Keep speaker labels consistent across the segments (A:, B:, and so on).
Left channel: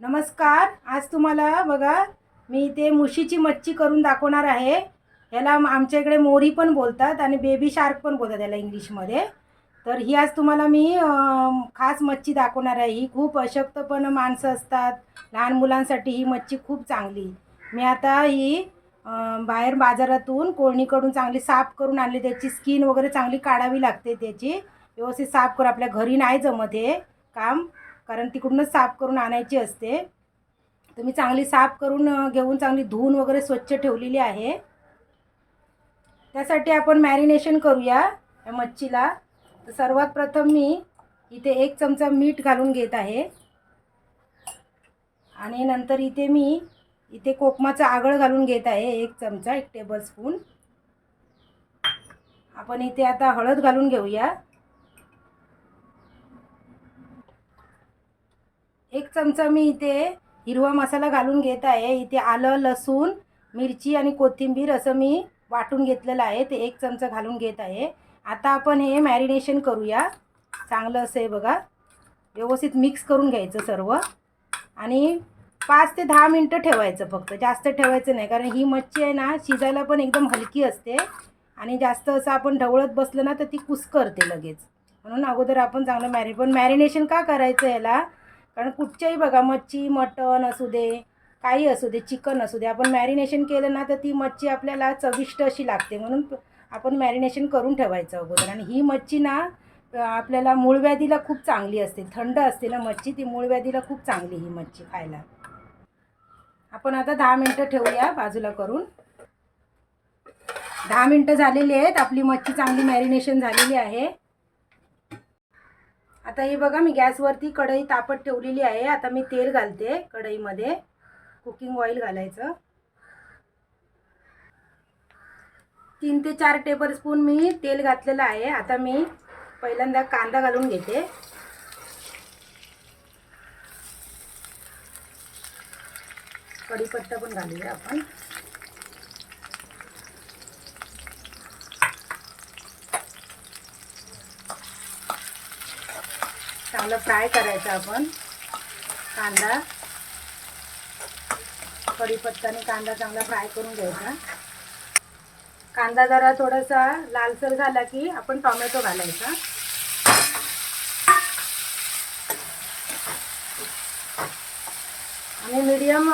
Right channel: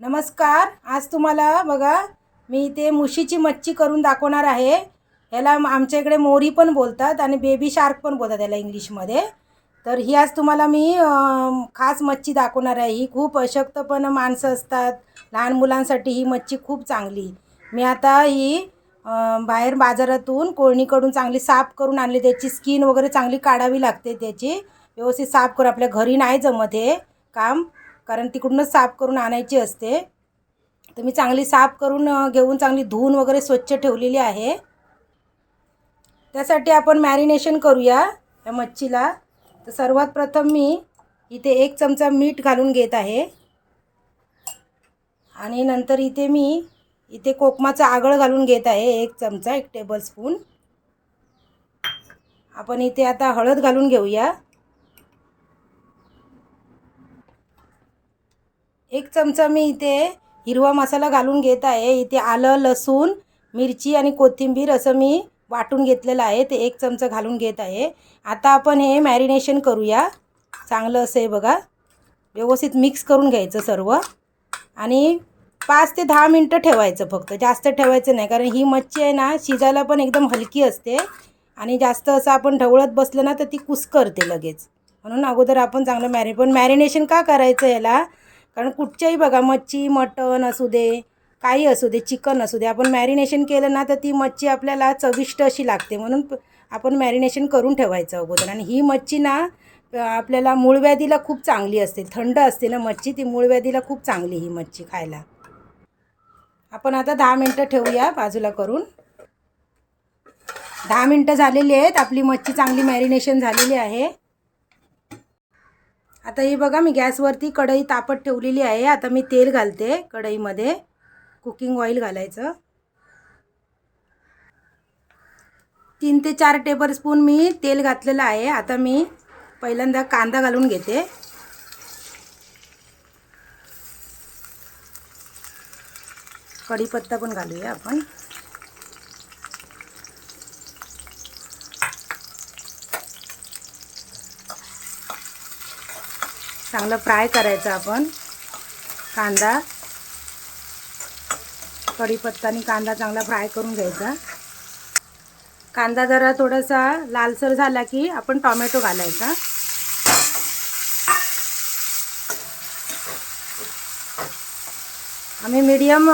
A: नमस्कार. आज तुम्हाला बघा मी इथे मुशीची मच्छी करून दाखवणार आहे. ह्याला आमच्या इकडे मोरी पण बोलतात आणि बेबी शार्क पण बोलतात याला इंग्लिशमध्ये. तर ही आज तुम्हाला मी खास मच्छी दाखवणार आहे. ही खूप अशक्तपण माणसं असतात. लहान मुलांसाठी ही मच्छी खूप चांगली. मी आता ही बाहेर बाजारातून कोळणीकडून चांगली साफ करून आणली. त्याची स्किन वगैरे चांगली काढावी लागते त्याची. व्यवस्थित साफ करून आपल्या घरी नाही जमत हे काम. कारण तिकडूनच साफ करून आणायची असते. तर मी चांगली साफ करून घेऊन चांगली धुवून वगैरे स्वच्छ ठेवलेली आहे. त्यासाठी आपण मॅरिनेशन करूया या मच्छीला. तर सर्वात प्रथम मी इथे एक चमचा मीठ घालून घेत आहे. आणि नंतर इथे मी इथे कोकमाचं आगळ घालून घेत आहे एक चमचा एक टेबलस्पून आपण इथे आता हळद घालून घेऊया. एक चमचा मी इथे हिरवा मसाला घालून घेत आहे. इथे आलं लसूण मिरची आणि कोथिंबीर असं मी वाटून घेतलेलं आहे. ते एक चमचा घालून घेत आहे. आता आपण हे मॅरिनेशन करूया. चांगलं असं आहे बघा. व्यवस्थित मिक्स करून घ्यायचं सर्व. आणि पाच ते दहा मिनटं ठेवायचं फक्त. जास्त ठेवायचं नाही. कारण ही मच्छी आहे ना शिजायला पण एकदम हलकी असते. आणि जास्त असं आपण ढवळत बसलं ना तर ती कुस्करते लगेच. म्हणून अगोदर आपण चांगलं मॅरि पण मॅरिनेशन का करायचं याला? कारण कुठच्याही बघा मच्छी मटण असू दे काही असू दे चिकन असू दे आपण मॅरिनेशन केलं ना तर ती मच्छी आपल्याला चविष्ट अशी लागते. म्हणून आपण मॅरिनेशन करून ठेवायचं अगोदर. आणि ही मच्छी ना आपल्याला मूळव्याधीला खूप चांगली असते. थंड असते ना मच्छी ती मूळव्याधीला खूप चांगली ही मच्छी खायला. आपण आता दहा मिनटं ठेवूया बाजूला करून. दहा मिनटं झालेली आहेत. आपली मच्छी चांगली मॅरिनेशन झालेली आहे. आता हे बघा मी गॅसवरती कढई तापत ठेवलेली आहे. आता मी तेल घालते कढईमध्ये. कुकिंग ऑइल घालायचं. तीन ते चार टेबलस्पून मी तेल घातलेलं आहे. आता मी पहिल्यांदा कांदा घालून घेते. कढीपत्ता पण घालूया आपण. चांगलं फ्राय करायचं आपण. कांदा. कढीपत्ता आणि कांदा चांगला फ्राय करून घ्यायचा. कांदा जरा थोडासा लालसर झाला की आपण टोमॅटो घालायचा. आम्ही मीडियम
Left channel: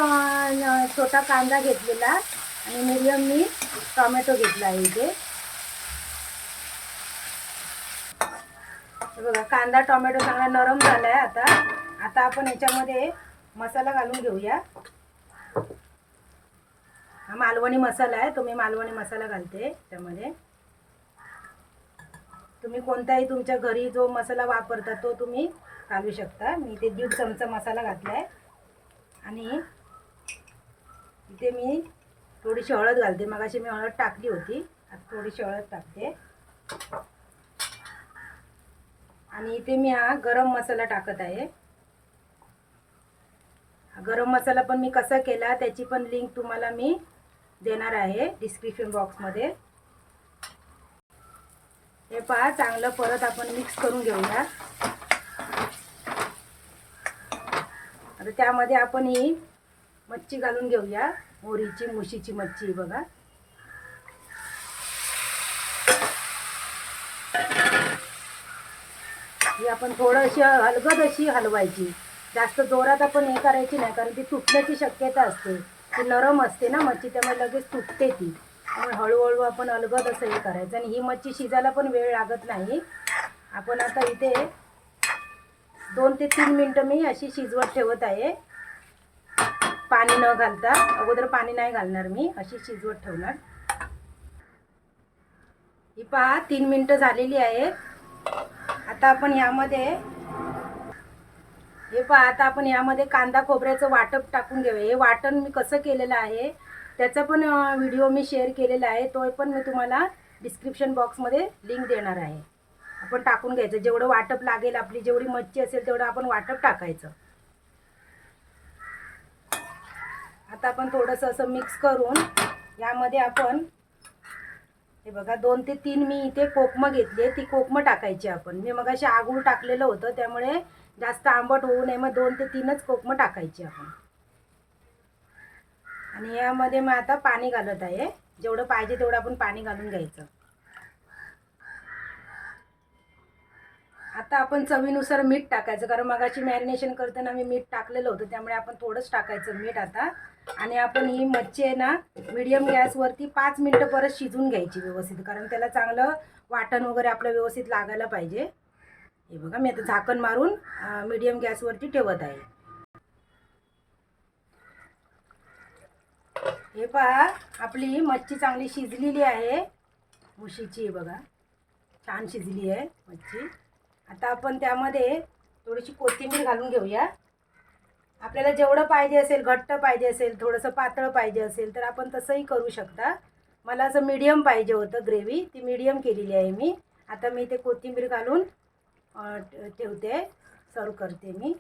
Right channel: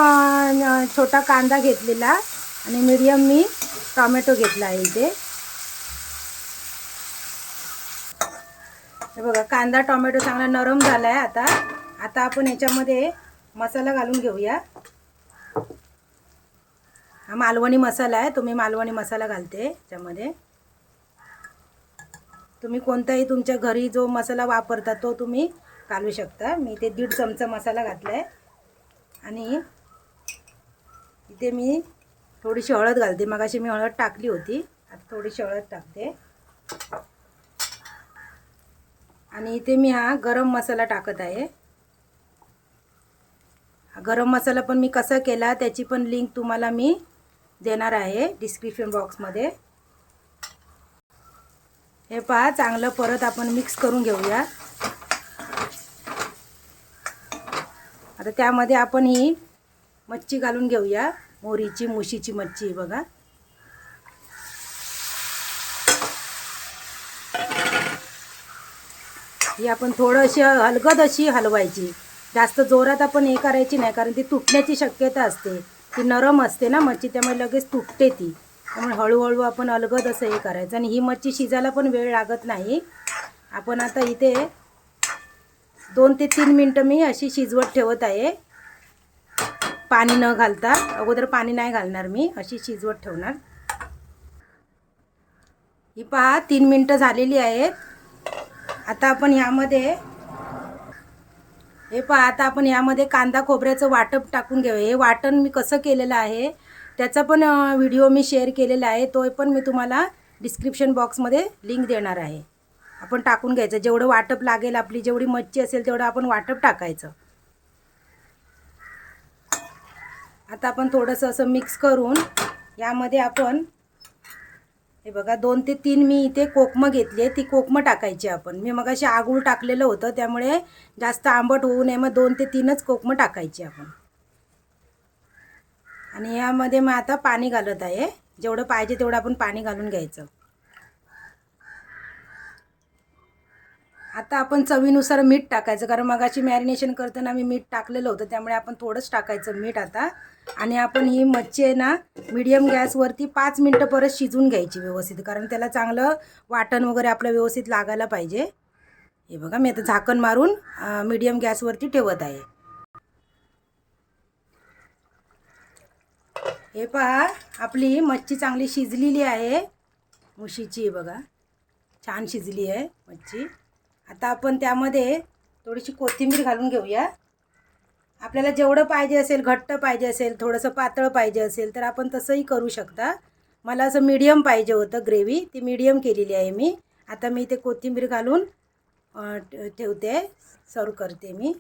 A: छोटा कांदा घेतलेला आणि मीडियम मी टोमॅटो घेतला आहे इथे. हे बघा कांदा टोमॅटो चांगला नरम झाला आहे आता. आता आपण याच्यामध्ये मसाला घालून घेऊया. हा मालवणी मसाला आहे तुम्ही मालवणी मसाला घालते याच्यामध्ये. तुम्ही कोणताही तुमच्या घरी जो मसाला वापरता तो तुम्ही घालू शकता. मी इथे दीड चमचा मसाला घातला आहे आणि इथे मी थोडीशी हळद घालते. मगाशी मी हळद टाकली होती. आता थोडीशी हळद टाकते. आणि इथे मी हा गरम मसाला टाकत आहे. गरम मसाला पण मी कसा केला त्याची पण लिंक तुम्हाला मी देणार आहे डिस्क्रिप्शन बॉक्समध्ये हे पहा चांगलं परत आपण मिक्स करून घेऊया. आता त्यामध्ये आपण ही मच्छी घालून घेऊया मोरीची मुशीची मच्छी बघा. ही आपण थोडंशी हलगद अशी हलवायची. जास्त जोरात आपण हे करायची नाही कारण ती तुटण्याची शक्यता असते. ती नरम असते ना मच्छी त्यामुळे लगेच तुटते ती. त्यामुळे हळूहळू आपण अलगद असं हे करायचं. आणि ही मच्छी शिजायला पण वेळ लागत नाही. आपण आता इथे दोन ते तीन मिनटं मी अशी शिजवत ठेवत आहे. पाणी न घालता. अगोदर पाणी नाही घालणार मी अशी शिजवत ठेवणार. ही पहा तीन मिनटं झालेली आहेत. आता आपण यामध्ये हे पहा आता आपण यामध्ये कांदा खोबऱ्याचं वाटप टाकून घेऊया. हे वाटण मी कसं केलेलं आहे त्याचा पण व्हिडिओ मी शेअर केलेला आहे. तो पण मी तुम्हाला डिस्क्रिप्शन बॉक्समध्ये लिंक देणार आहे. आपण टाकून घ्यायचं. जेवढं वाटप लागेल आपली जेवढी मच्छी असेल तेवढं आपण वाटप टाकायचं. आता आपण थोडंसं असं मिक्स करून यामध्ये आपण हे बघा दोन ते तीन मी इथे कोकमं घेतली आहे. ती कोकमं टाकायची आपण. मी मग अशी आगूळ टाकलेलं होतं त्यामुळे जास्त आंबट होऊ नये. मग दोन ते तीनच कोकमं टाकायची आपण. आणि यामध्ये मग आता पाणी घालत आहे. जेवढं पाहिजे तेवढं आपण पाणी घालून घ्यायचं. आता आपण चवीनुसार मीठ टाकायचं कारण मगाशी मॅरिनेशन करताना मी मीठ टाकलेलं होतं त्यामुळे आपण थोडंच टाकायचं मीठ आता. आणि आपण ही मच्छी आहे ना मिडियम गॅसवरती पाच मिनटं परत शिजवून घ्यायची व्यवस्थित कारण त्याला चांगलं वाटण वगैरे आपलं व्यवस्थित लागायला पाहिजे. हे बघा मी आता झाकण मारून मीडियम गॅसवरती ठेवत आहे. हे पहा आपली मच्छी चांगली शिजलेली आहे. मुशीची बघा छान शिजली आहे मच्छी. आता आपण त्यामध्ये थोडीशी कोथिंबीर घालून घेऊया. आपल्याला जेवढं पाहिजे असेल घट्ट पाहिजे असेल थोडंसं पातळ पाहिजे असेल तर आपण तसंही करू शकता. मला असं मीडियम पाहिजे होतं ग्रेव्ही ती मीडियम केलेली आहे मी. आता मी ते कोथिंबीर घालून ठेवते. सर्व करते मी.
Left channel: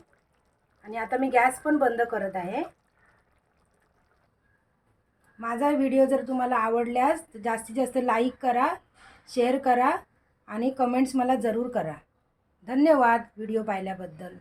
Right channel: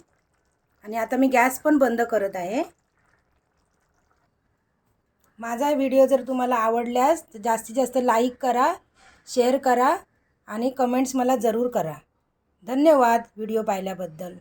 A: आणि आता मी गॅस पण बंद करत आहे. माझा व्हिडिओ जर तुम्हाला आवडल्यास तर जास्तीत जास्त लाईक करा शेअर करा आणि कमेंट्स मला जरूर करा. धन्यवाद व्हिडिओ पाहिल्याबद्दल.